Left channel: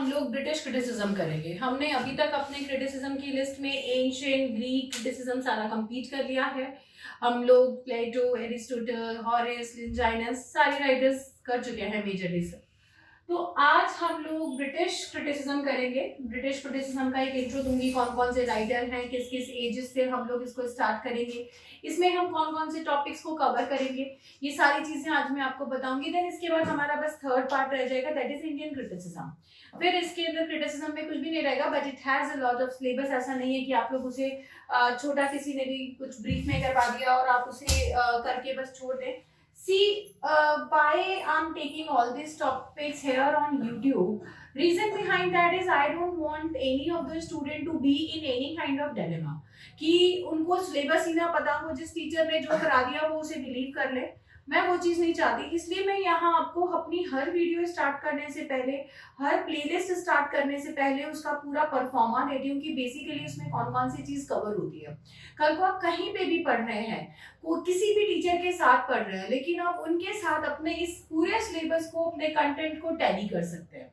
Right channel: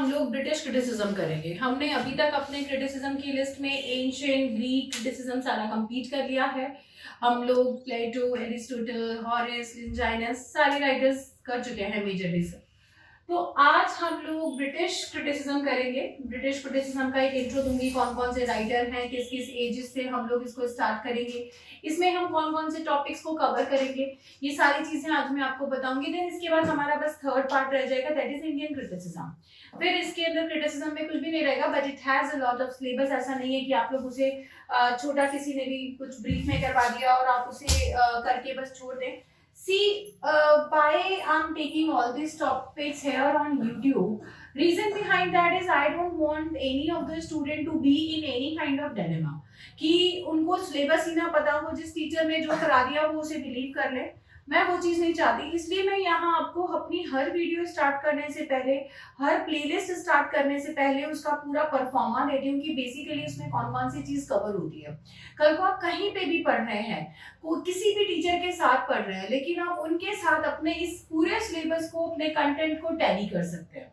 हम लोग British criticism करेंगे। हमने अभी तक अपने क्रिटिसिज्म की लिस्ट में एंशिएंट ग्रीक क्रिटिसिज्म सारा कंप्लीट कर लिया है। हम लोग प्लेटो, एरिस्टोटल, हॉरेस, लिंजाइनस सारे राइटर्स कर चुके हैं मेजरली से। तो आज हम लोग ब्रिटिश क्रिटिसिज्म करेंगे। ब्रिटिश क्रिटिसिज्म का एक इंट्रो दूंगी, कौन कौन से राइटर हैं, किस किस एजेस से हम लोग इसको स्टार्ट करेंगे, इसमें हम कौन कौन से टॉपिक्स को कवर करेंगे, ये सारी चीजें आज मैं आपको बताऊंगी। देन इसके बाद हमारा बस थर्ड पार्ट रह जाएगा, दैट इज इंडियन क्रिटिसिज्म। फिर इसके अंदर क्रिटिसिज्म में कुछ भी नहीं रहेगा, but it has a lot of syllabus. ऐसा नहीं है कि आप लोग उसे छोटा किसी ने भी कुछ ब्रीफ में करवा दिया और आप उसे करके बस छोड़ दें। See, why I'm taking all these topics here on YouTube, reason behind that is I don't want any of the student to be in any kind of dilemma कि उनको सिलेबस ही ना पता हो, जिस टीचर ने जो करा दिया वो उसे बिलीव कर ले। मैं वो चीज़ नहीं चाहती, इसलिए मैं यहाँ आपको अपनी हर वीडियो स्टार्ट करने से पहले, हर प्लेलिस्ट स्टार्ट करने से पहले उसका पूरा परफॉर्मा देती हूँ कि बेसिकली उसमें कौन कौन सी चीज़ कवर होती है। कल को आप कहीं पे भी पढ़ रहे हैं, किसी भी टीचर के साथ पढ़ रहे हैं, लेकिन आप उनके साथ अपने इस पूरे सिलेबस को, अपने कंटेंट को टैली कर सकते हैं।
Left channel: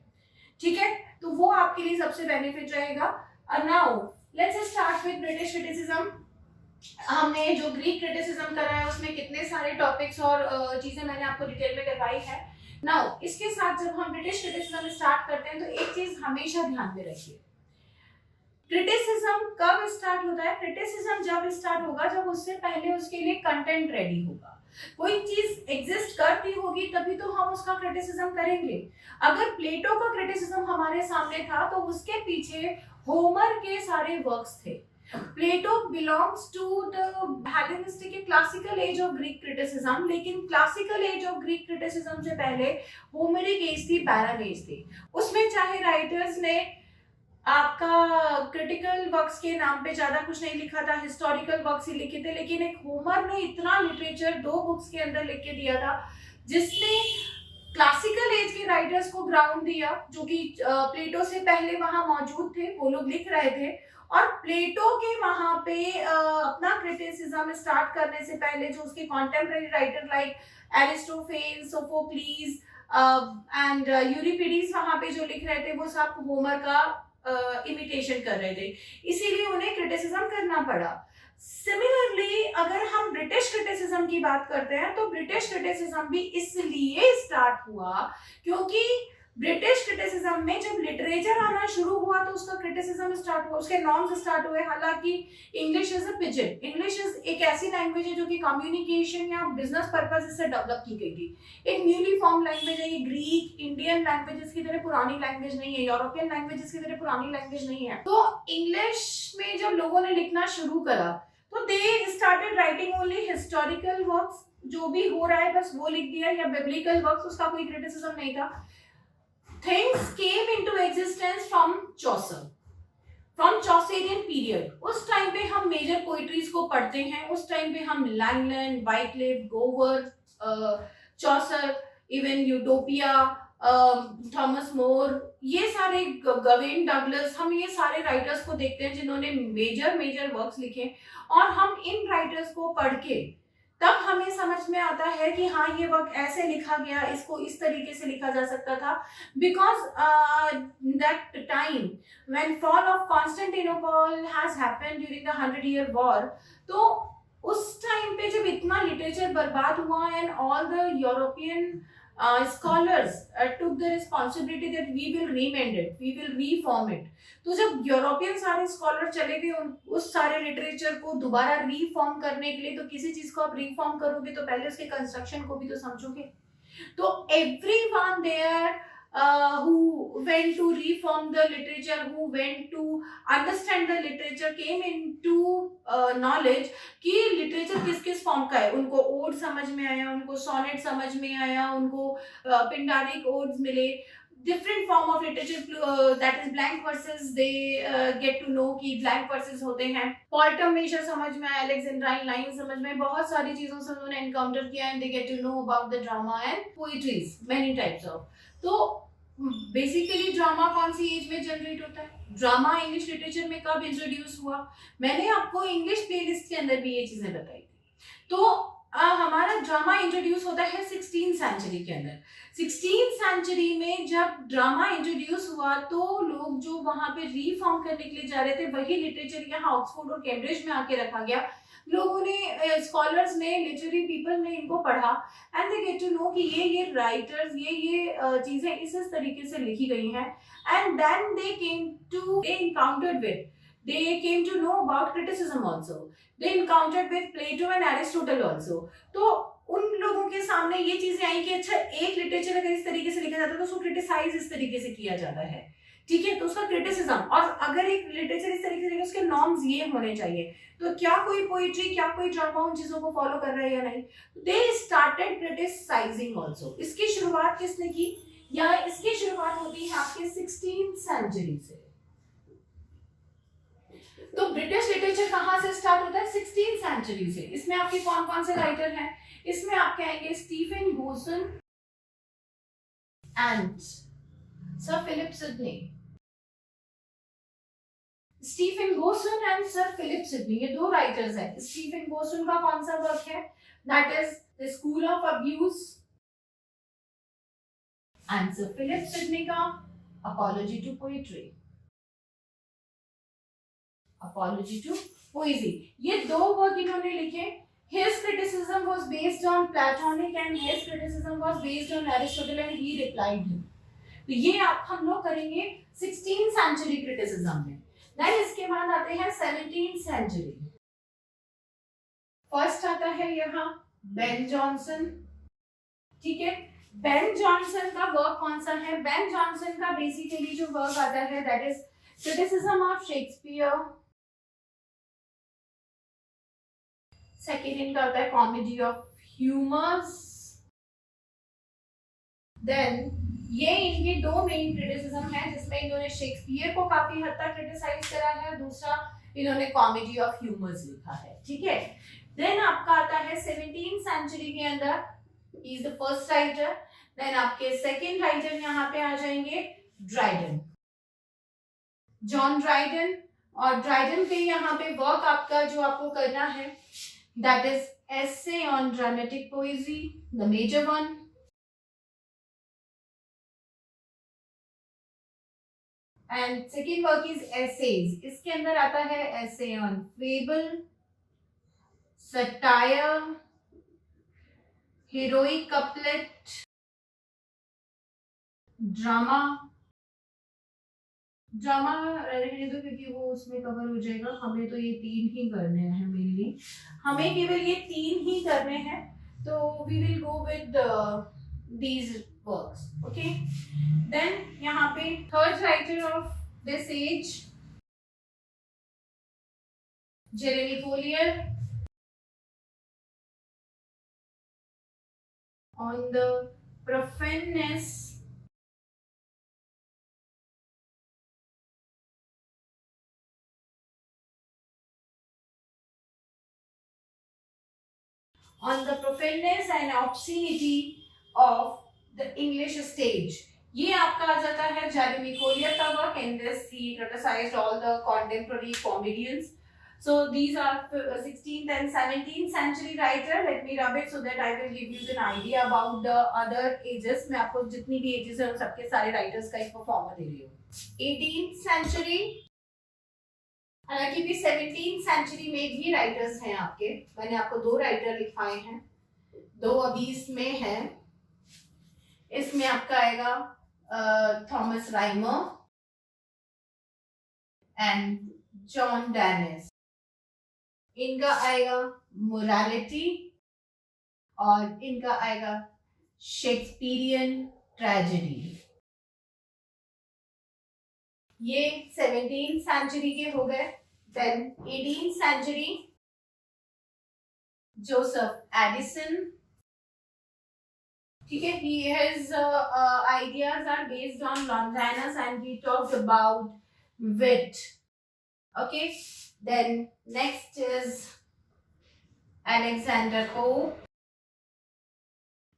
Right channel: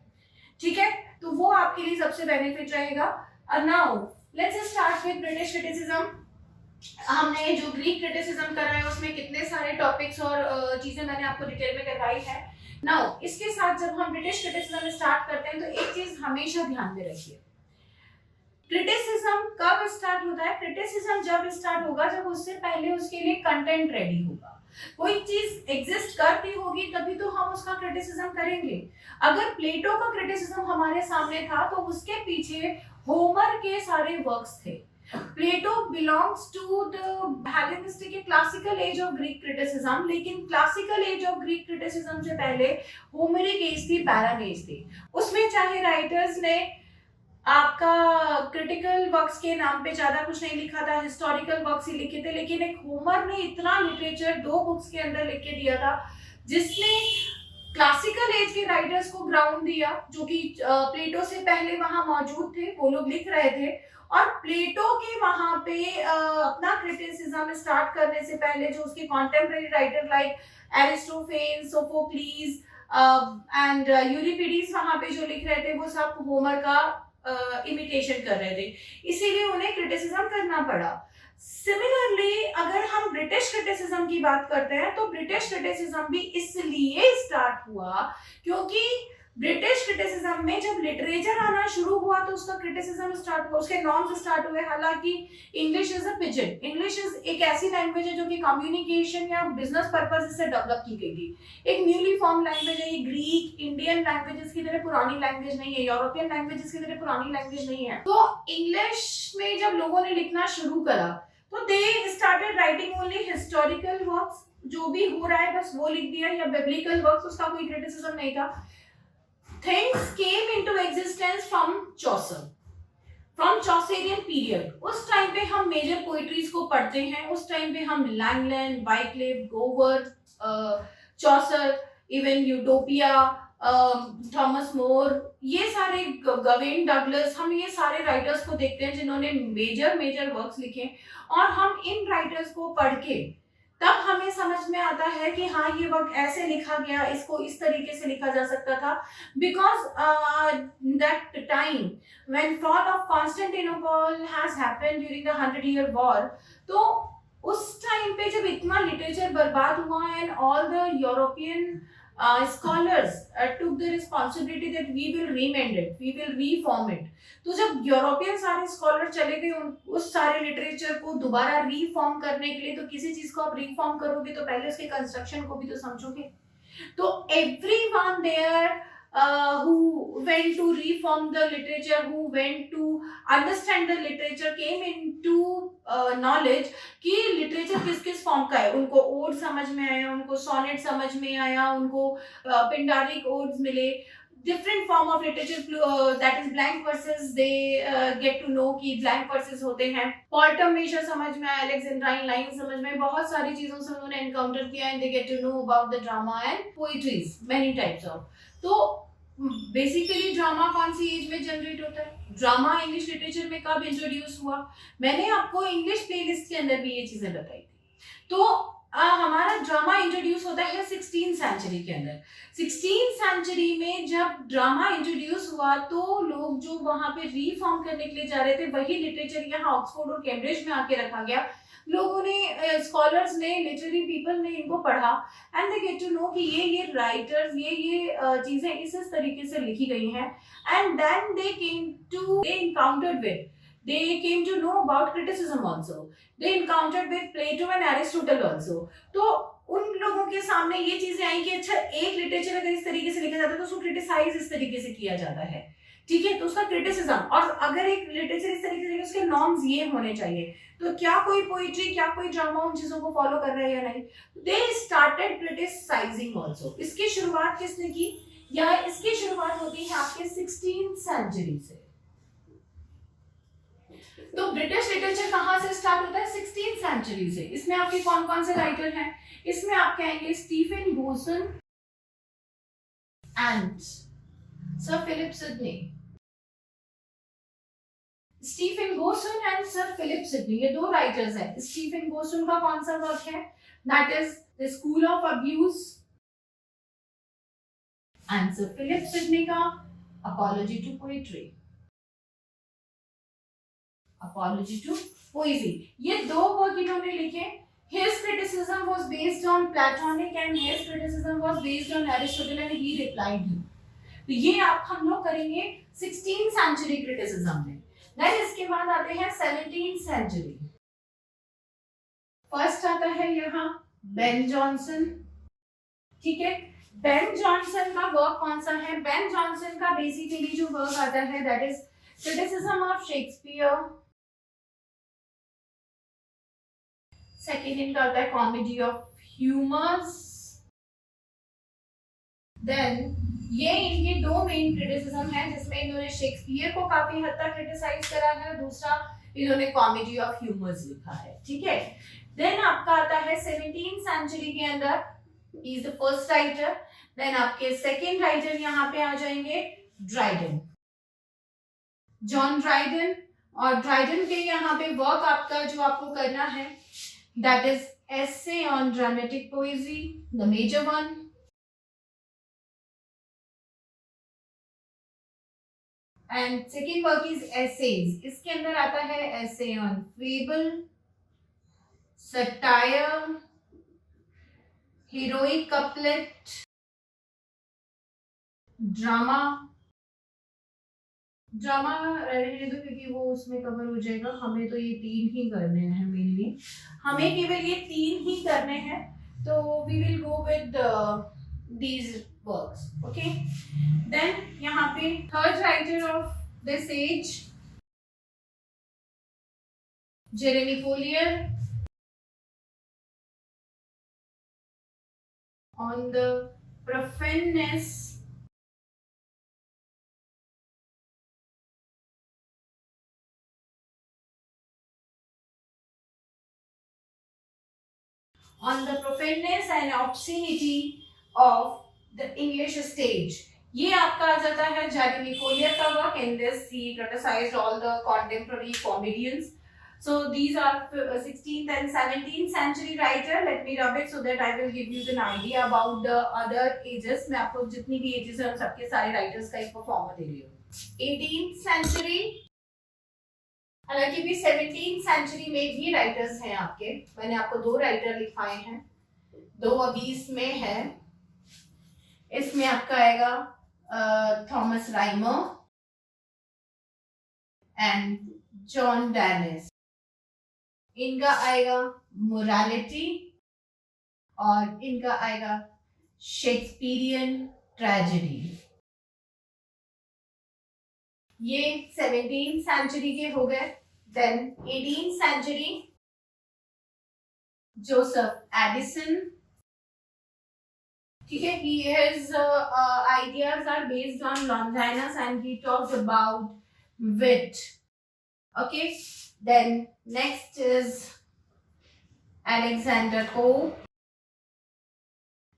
ठीक है, तो वो आपके लिए सबसे बेनिफिट रहेगा। Now let's start with British criticism. हमने जो ग्रीक क्रिटिसिज्म करा है उसमें कितने सारे टॉपिक्स और चीजें मैंने आपको डिटेल में करवाई है। नाउ इसके साथ जब हम ब्रिटिश क्रिटिसिज्म स्टार्ट करते हैं तो एक चीज हमेशा ध्यान में रखिए, क्रिटिसिज्म कब स्टार्ट होता है? क्रिटिसिज्म जब स्टार्ट होगा जब उससे पहले उसके लिए कंटेंट रेडी होगा। कोई चीज एग्जिस्ट करती होगी तभी तो हम उसका क्रिटिसिज्म करेंगे। अगर प्लेटो का क्रिटिसिज्म हमारे सामने था तो उसके पीछे होमर के सारे वर्क्स थे। Plato belongs to the Hellenistic classical age of Greek criticism, लेकिन classical age of Greek criticism से पहले होमरिक एज थी, पैरन एज थी। उसमें चाहे राइटर्स ने आपका क्रिटिकल वर्क्स के नाम पे ज्यादा कुछ नहीं लिखा था, हिस्टोरिकल वर्क्स ही लिखे थे, लेकिन एक होमर ने इतना लिटरेचर 2 बुक्स के अंदर लिख के दिया था जिसने क्लासिकल एज के राइटर्स को ग्राउंड दिया, जो कि प्लेटो से पहले वहां मौजूद थे, वो लोग लिख रहे थे। और प्लेटो के वहां पे अपना क्रिटिसिज्म स्टार्ट करने से पहले जो उसके contemporary writer like Aristophanes, Sophocles and Euripides वहां पे जो लिख रहे थे वो सब होमर का इमिटेशन कर रहे थे, इसीलिए उन्हें क्रिटिसिज्म करना पड़ा। सिमिलरली अगर हम ब्रिटिश क्रिटिसिज्म की बात करते हैं तो ब्रिटिश क्रिटिसिज्म भी इसलिए स्टार्ट हुआ क्योंकि ब्रिटिश क्रिटिसिज्म में जब लिटरेचर आना शुरू हुआ तो उसका क्रिटिसिज्म स्टार्ट हुआ, उसके नॉर्म्स स्टार्ट हुए। हालांकि English is a pigeon, English is एक ऐसी लैंग्वेज है जो कि कम्युनिकेशन या बिजनेस पर्पज से डेवलप की गई थी। एक न्यूली फॉर्म लैंग्वेज है ये। ग्रीक इंडियन लैंग्वेजेस की तरह पुरानी लैंग्वेज नहीं है, यूरोपियन लैंग्वेजेस की तरह पुरानी लैंग्वेज नहीं है। तो इंग्लिश में जब लोगों ने लिखना शुरू करा तो they started writing only historical works, जो भी हो रहा है बस वो लिख दिया, या बिब्लिकल वर्क्स, उसका कोई क्रिटिसिज्म नहीं था। Things came into existence from Chaucer, from Chaucerian period। उस टाइम पे हम मेजर पोइट्रीज को पढ़ते हैं, उस टाइम पे हम लैंगलैंड, वाइटलिफ, गोवर, Chaucer, even utopia, Thomas More, ये सारे गवेन डगलस, हम ये सारे राइटर्स को देखते हैं जिन्होंने मेजर वर्क्स लिखे। और हम इन राइटर्स को पढ़ के तब हमें समझ में आता है कि हाँ ये वर्क ऐसे लिखा गया, इसको इस तरीके से लिखा जा सकता था। Because that time when fall of Constantinople has happened during the 100-year war, तो उस टाइम पे जब इतना लिटरेचर बर्बाद हुआ and all the European scholars took the responsibility that we will remend it, we will reform it। तो जब European सारे स्कॉलर चले गए उस सारे लिटरेचर को दोबारा रीफॉर्म करने के लिए, तो किसी चीज को आप रीफॉर्म करोगे तो पहले उसके कंस्ट्रक्शन को भी तो समझोगे। तो everyone there who went to reform the literature, who went to understand the literature, came into knowledge कि लिटरेचर किस किस फॉर्म का है। उनको ओड समझ में आया, उनको सोनेट समझ में आया, उनको पिंडारिक ओड्स मिले, different form of literature, that is blank verses, they get to know कि ब्लैंक वर्सेस होते हैं। पोएटम मेजर समझ में आया, अलेक्जेंड्राइन लाइन समझ में, बहुत सारी चीजों से उन्होंने एनकाउंटर किया and they get to know about the drama and poetries, many types of. तो बेसिकली ड्रामा कौन सी एज में जनरेट होता है? ड्रामा इंग्लिश लिटरेचर में कब इंट्रोड्यूस हुआ? मैंने आपको इंग्लिश प्लेलिस्ट के अंदर भी ये चीजें बताई थी। तो हमारा ड्रामा इंट्रोड्यूस होता है 16th सेंचुरी के अंदर। 16th सेंचुरी में जब ड्रामा इंट्रोड्यूस हुआ तो लोग जो वहां पे रीफॉर्म करने के लिए जा रहे थे वही लिटरेचर यहाँ ऑक्सफोर्ड और कैम्ब्रिज में आके रखा गया। लोगों ने, स्कॉलर्स ने, लिटरेरी पीपल ने इनको पढ़ा and they get to know कि ये राइटर्स, ये चीजें इस तरीके से लिखी गई हैं। And then they encountered with, they came to know about criticism also, they encountered with Plato and Aristotle also। तो उन लोगों के सामने ये चीजें आई कि अच्छा, एक लिटरेचर अगर इस तरीके से लिखा जाता है तो उसको क्रिटिसाइज इस तरीके से किया जाता है, ठीक है, तो उसका क्रिटिसिज्म, और अगर एक लिटरेचर इस तरीके से उसके नॉर्म्स ये होने चाहिए, तो क्या कोई पोइट्री, क्या कोई ड्रामा उन चीजों को फॉलो कर रहा है या नहीं। They started criticising also. इसकी शुरुआत किसने की, या इसकी शुरुआत होती है आपके 16th सेंचुरी से। तो ब्रिटिश लिटरेचर कहां से स्टार्ट होता है, 16th सेंचुरी से। इसमें आपके कौन कौन से राइटर हैं, इसमें आपके आएंगे Stephen Gosson and Sir Philip Sidney. Stephen Gosson and Sir Philip Sidney, ये दो राइटर्स हैं। स्टीफन गोसन का कौन सा वर्क है, that is the School of Abuse, and Sir Philip Sidney का Apology to Poetry, Apology to Poesy. ये दो वर्क इन्होंने लिखे। His criticism was based on Platonic and his criticism was based on Aristotle and he replied him। तो ये आप हम लोग करेंगे 16th सेंचुरी क्रिटिसिज्म में। देन इसके बाद आते हैं 17th सेंचुरी। फर्स्ट आता है यहाँ बेन जॉनसन, ठीक है। बेन जॉनसन का वर्क कौन सा है, बेन जॉनसन का बेसिकली जो वर्क आता है that is criticism of Shakespeare. Second इनका आता है कॉमेडी ऑफ ह्यूमर्स। देन ये इनके दो मेन क्रिटिसिज्म है जिसमें इन्होंने शेक्सपियर को काफी हद तक क्रिटिसाइज करा है, दूसरा इन्होंने कॉमेडी ऑफ ह्यूमर्स लिखा है, ठीक है। देन आपका आता है 17th सेंचुरी के अंदर, he is the first writer. Then आपके सेकेंड राइटर यहाँ पे आ जाएंगे ड्राइडन, जॉन ड्राइडन। और ड्राइडन के यहाँ पे वर्क आपका जो आपको करना है that is essay on dramatic poesy, the major one। and second work is essays। इसके अंदर आता है essay on fable, satire, heroic couplet, drama। Drama रहने दो क्योंकि वो उसमें कवर हो जाएगा, हमें तो ये तीन ही करने हैं मेनली, हमें केवल ये तीन ही करने हैं, तो we will go with these works, okay. Then यहाँ पे third writer of this age Jeremy Collier on the profaneness on the profaneness and obscenity of the English stage। ये आपका आ जाता है जेरेमी फोलियर का work. In this he criticized all the contemporary comedians। So these are 16th and 17th century writer। Let me rub it so that I will give you an idea about the other ages। मैं आपको जितनी भी ages है उन सबके सारे writers का एक परफॉर्मर दे रही हूँ। 18th century, हालांकि भी 17th सेंचुरी में भी राइटर्स हैं आपके, मैंने आपको दो राइटर लिखवाए हैं, दो अभी इसमें है। इसमें आपका आएगा Thomas Rymer and John Dennis. इनका आएगा मोरालिटी और इनका आएगा शेक्सपियरियन ट्रेजेडी। ये 17th सेंचुरी के हो गए। Then 18th century Joseph Addison, ठीक है। his ideas are based on Longinus and he talked about wit, okay। Then next is Alexander Pope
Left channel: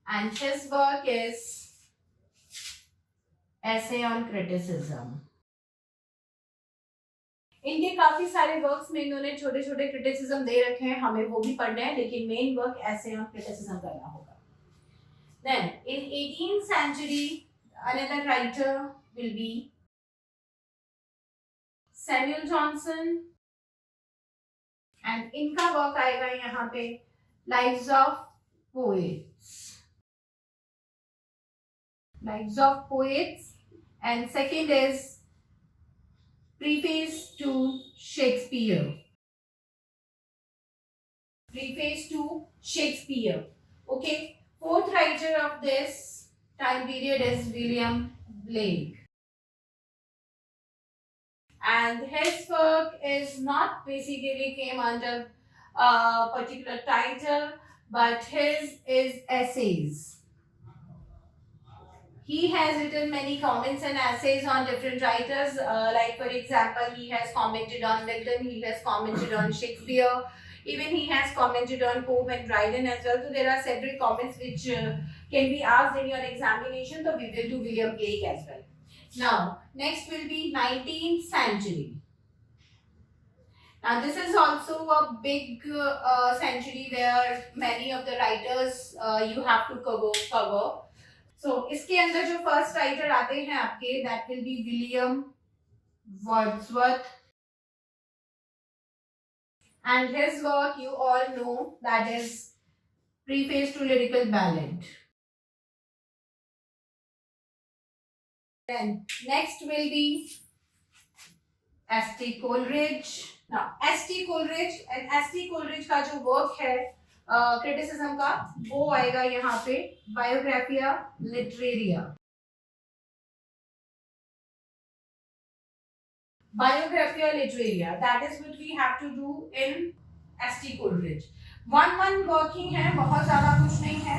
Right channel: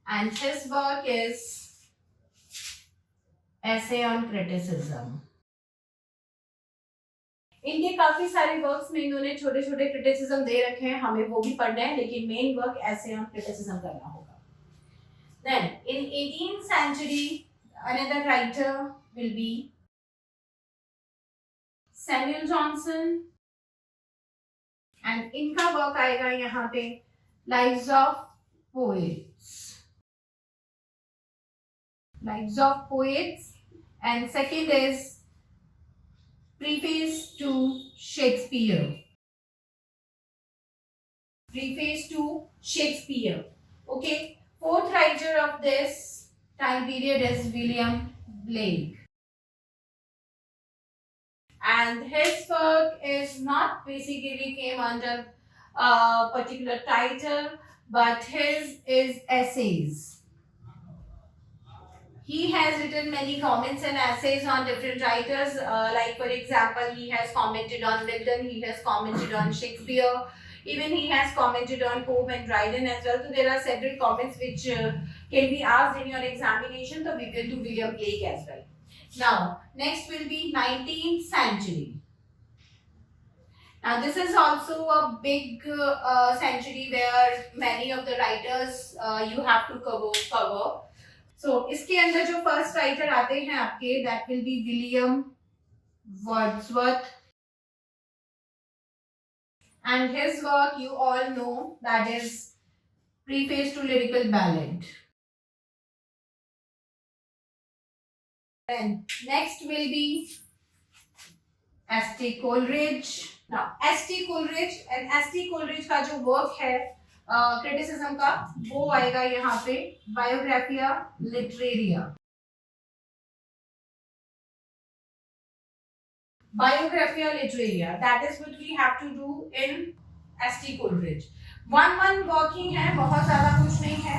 and his work is essay on criticism। इनके काफी सारे works में इन्होंने छोटे छोटे क्रिटिसिज्म दे रखे हैं, हमें वो भी पढ़ना है, लेकिन मेन वर्क ऐसे हम क्रिटिसिज्म करना होगा. Then in 18th century another writer will be Samuel Johnson, and इनका वर्क आएगा यहाँ पे Lives of Poets. Lives of Poets, and second is Preface to Shakespeare. Preface to Shakespeare. Okay. Fourth writer of this time period is William Blake. And his work is not basically came under a particular title, but his is essays. He has written many comments and essays on different writers. Like for example, he has commented on Milton, he has commented on Shakespeare, even he has commented on Pope and Dryden as well. So there are several comments which can be asked in your examination. So we will do William Blake as well. Now, next will be 19th century. Now this is also a big century where many of the writers you have to cover. So इसके अंदर जो first writer आते हैं आपके, that will be William Wordsworth, and his work you all know, that is Preface to Lyrical Ballad. Then next will be S.T. Coleridge. Now S.T. Coleridge, and S.T. Coleridge का जो work है criticism का, वो आएगा यहाँ पे Biographia Literaria. Biographia Literaria, that is what we have to do in S.T. Coleridge. one working है, बहुत ज़्यादा कुछ नहीं है.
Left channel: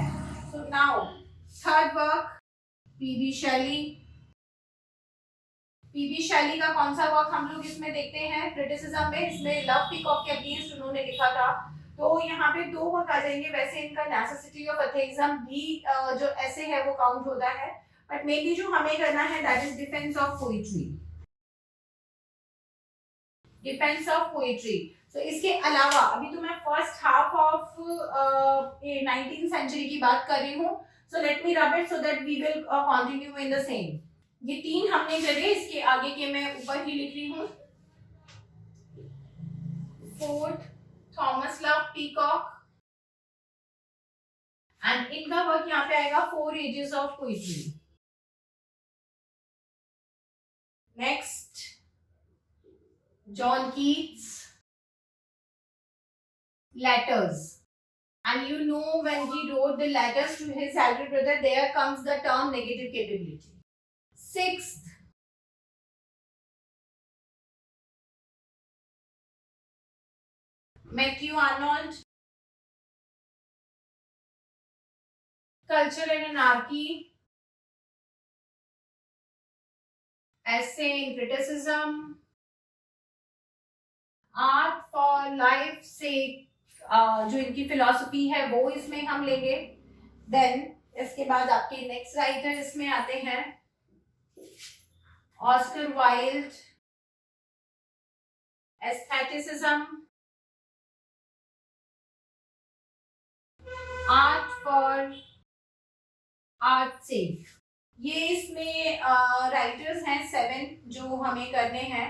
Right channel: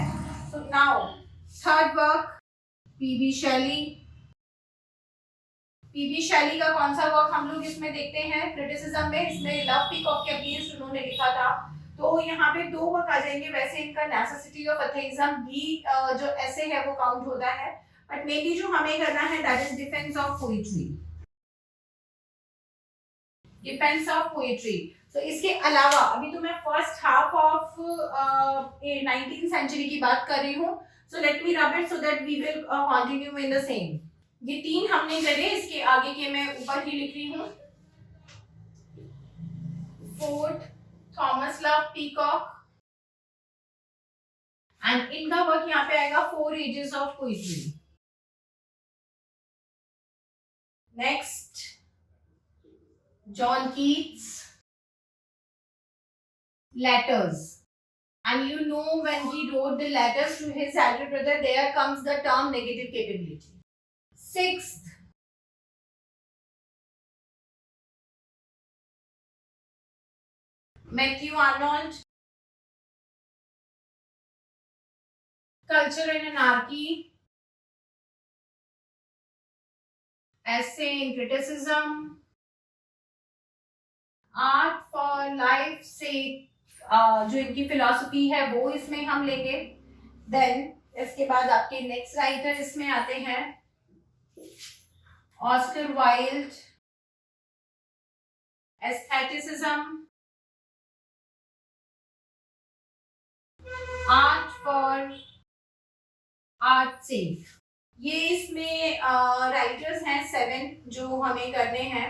So now third work P.B. Shelley. P.B. Shelley का कौन सा वर्क हम लोग इसमें देखते हैं क्रिटिसिज्म में? इसमें लव पीकॉक के अगेंस्ट उन्होंने लिखा था. तो यहाँ पे दो वर्क आ जाएंगे. वैसे इनका नेसेसिटी ऑफ एथेइज्म भी जो ऐसे है वो काउंट होता है, बट मेनली जो हमें करना है that is defence of poetry. Defence of poetry. So इसके अलावा अभी तो मैं first half of 19th century की बात कर रही हूँ. सो let me rub it so that we will continue in the same. ये तीन हमने करे, इसके आगे के मैं ऊपर ही लिख रही हूँ. Fourth Thomas Love Peacock, and इनका वर्क यहाँ पे आएगा four ages of poetry. Next John Keats, letters, and you know when he wrote the letters to his elder brother, there comes the term negative capability. Sixth, Matthew Arnold, Culture and Anarchy, Essay in Criticism, art for life से जो इनकी philosophy है वो इसमें हम लेंगे. Then इसके बाद आपके नेक्स्ट राइटर इसमें आते हैं Oscar Wilde, aestheticism, art for art sake. ये इसमें राइटर्स हैं 7 जो हमें करने हैं.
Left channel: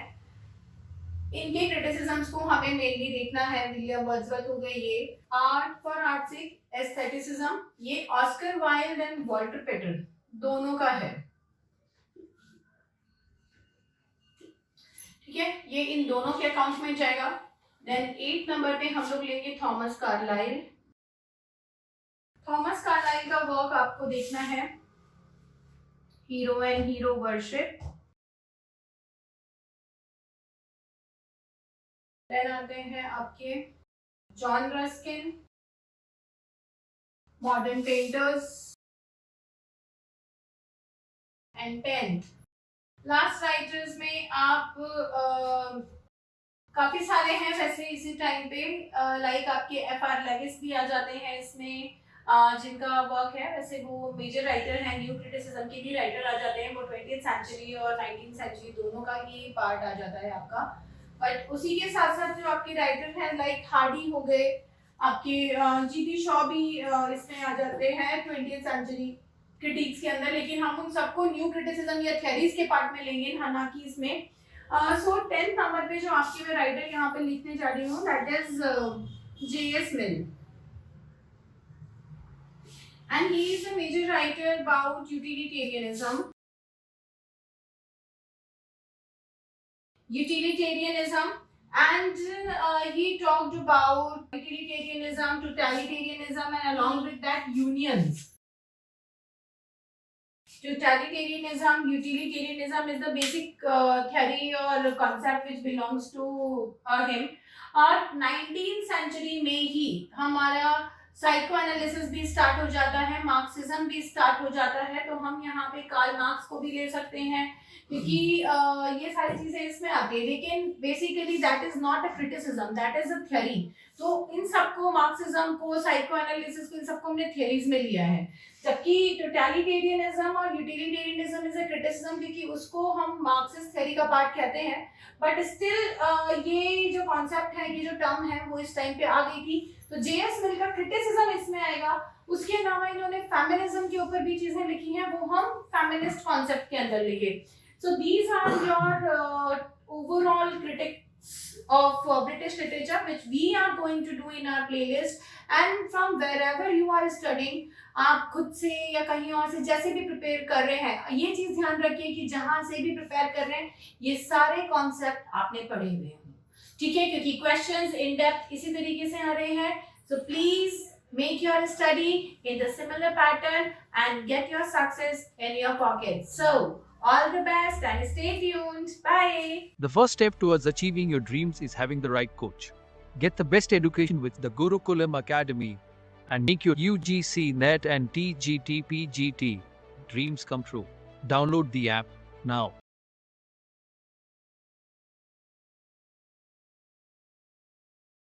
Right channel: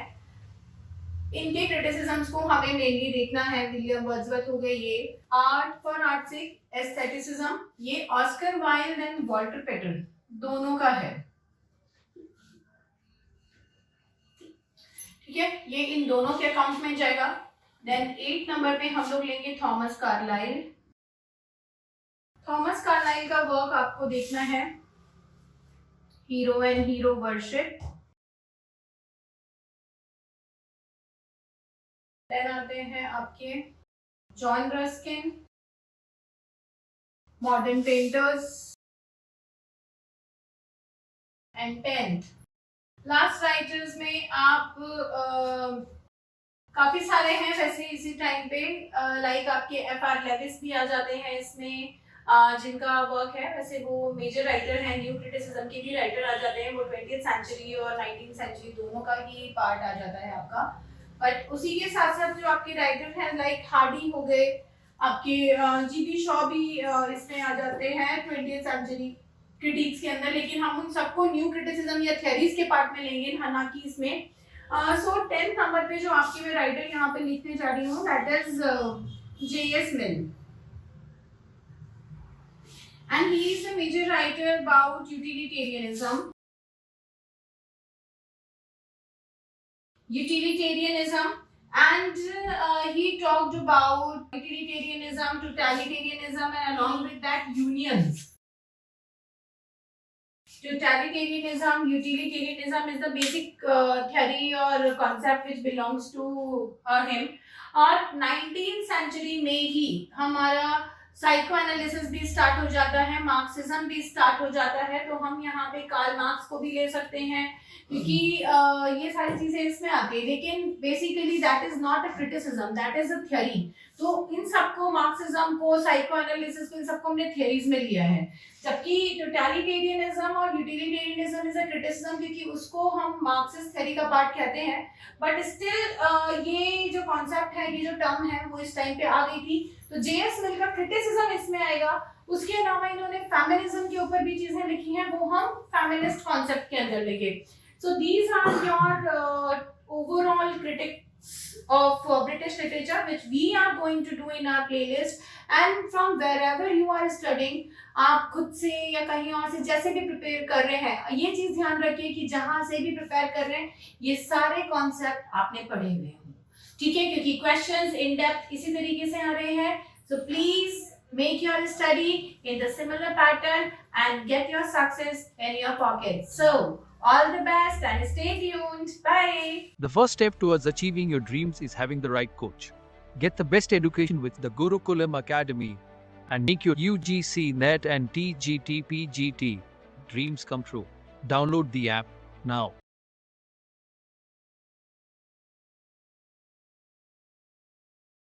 इनके क्रिटिसिज्म्स को हमें मेनली देखना है. विलियम वर्ड्सवर्थ हो गए, ये आर्ट फॉर आर्ट से एस्थेटिसिज्म, ये Oscar Wilde and Walter Pater दोनों का है. ठीक है, ये इन दोनों के अकाउंट में जाएगा. देन 8 नंबर पे हम लोग लेंगे थॉमस कार्लाइल. थॉमस कार्लाइल का वर्क आपको देखना है hero and hero worship. Then आते हैं आपके John Ruskin, Modern Painters, and tenth last writers में आप काफी सारे हैं वैसे इसी टाइम पे. लाइक आपके F.R. लेविस भी आ जाते हैं इसमें, जिनका वर्क है. वैसे वो मेजर राइटर हैं, न्यू क्रिटिसिज्म के भी राइटर आ जाते हैं. वो 20th सेंचुरी और 19th सेंचुरी दोनों का ही पार्ट आ जाता है आपका. बट उसी के साथ साथ जो आपके राइटर हैं लाइक हार्डी हो गए, आपके जीबी शॉ भी इसमें आ जाते हैं 20th सेंचुरी क्रिटिक्स के अंदर, लेकिन हम उन सबको न्यू क्रिटिसिज्म या थ्योरीज के पार्ट में लेंगे, ना कि इसमें। सो 10th नंबर पे जो आपकी मैं राइटर यहाँ पे लिखने जा रही हूँ, that is J.S. Mill, and he is a major writer about utilitarianism. And he talked about utilitarianism, totalitarianism, and along with that unions. Utilitarianism is the basic theory or concept which belongs to him. और 19th century में ही हमारा psycho analysis भी start हो जाता है, Marxism भी start हो जाता है, तो हम यहाँ पे कार्ल मार्क्स को भी ले सकते हैं क्योंकि ये सारी चीजें इसमें आती है, लेकिन basically that is not a criticism, that is a theory. तो इन सबको, मार्क्सिज्म को, साइको एनालिसिस को, इन सबको हमने थ्योरीज में लिया है, जबकि टोटलिटेरियनिज्म और यूटिलिटेरियनिज्म इज अ क्रिटिसिज्म क्योंकि उसको हम मार्क्सिस्ट थ्योरी का पार्ट कहते हैं, बट स्टिल ये जो कॉन्सेप्ट है, ये जो टर्म है, वो इस टाइम पे आ गई थी, तो जेएस मिल का क्रिटिसिज्म इसमें आएगा। उसके अलावा इन्होंने फेमिनिज्म के ऊपर भी चीजें लिखी हैं, वो हम फेमिनिस्ट कॉन्सेप्ट के अंदर लिखे। So these are your overall critics of British literature which we are going to do in our playlist, and from wherever you are studying, आप खुद से या कहीं और से जैसे भी प्रिपेयर कर रहे हैं, ये चीज ध्यान रखिए कि जहां से भी प्रिपेयर कर रहे हैं ये सारे कॉन्सेप्ट आपने पढ़े हुए हों, ठीक है, क्योंकि क्वेश्चंस इन डेप्थ इसी तरीके से आ रहे हैं। So please make your study in the similar pattern and get your success in your pocket. So all the best and stay tuned. Bye. The first step towards achieving your dreams is having the right coach. Get the best education with the Gurukulam Academy and make your UGC NET and TGT PGT dreams come true. Download the app now.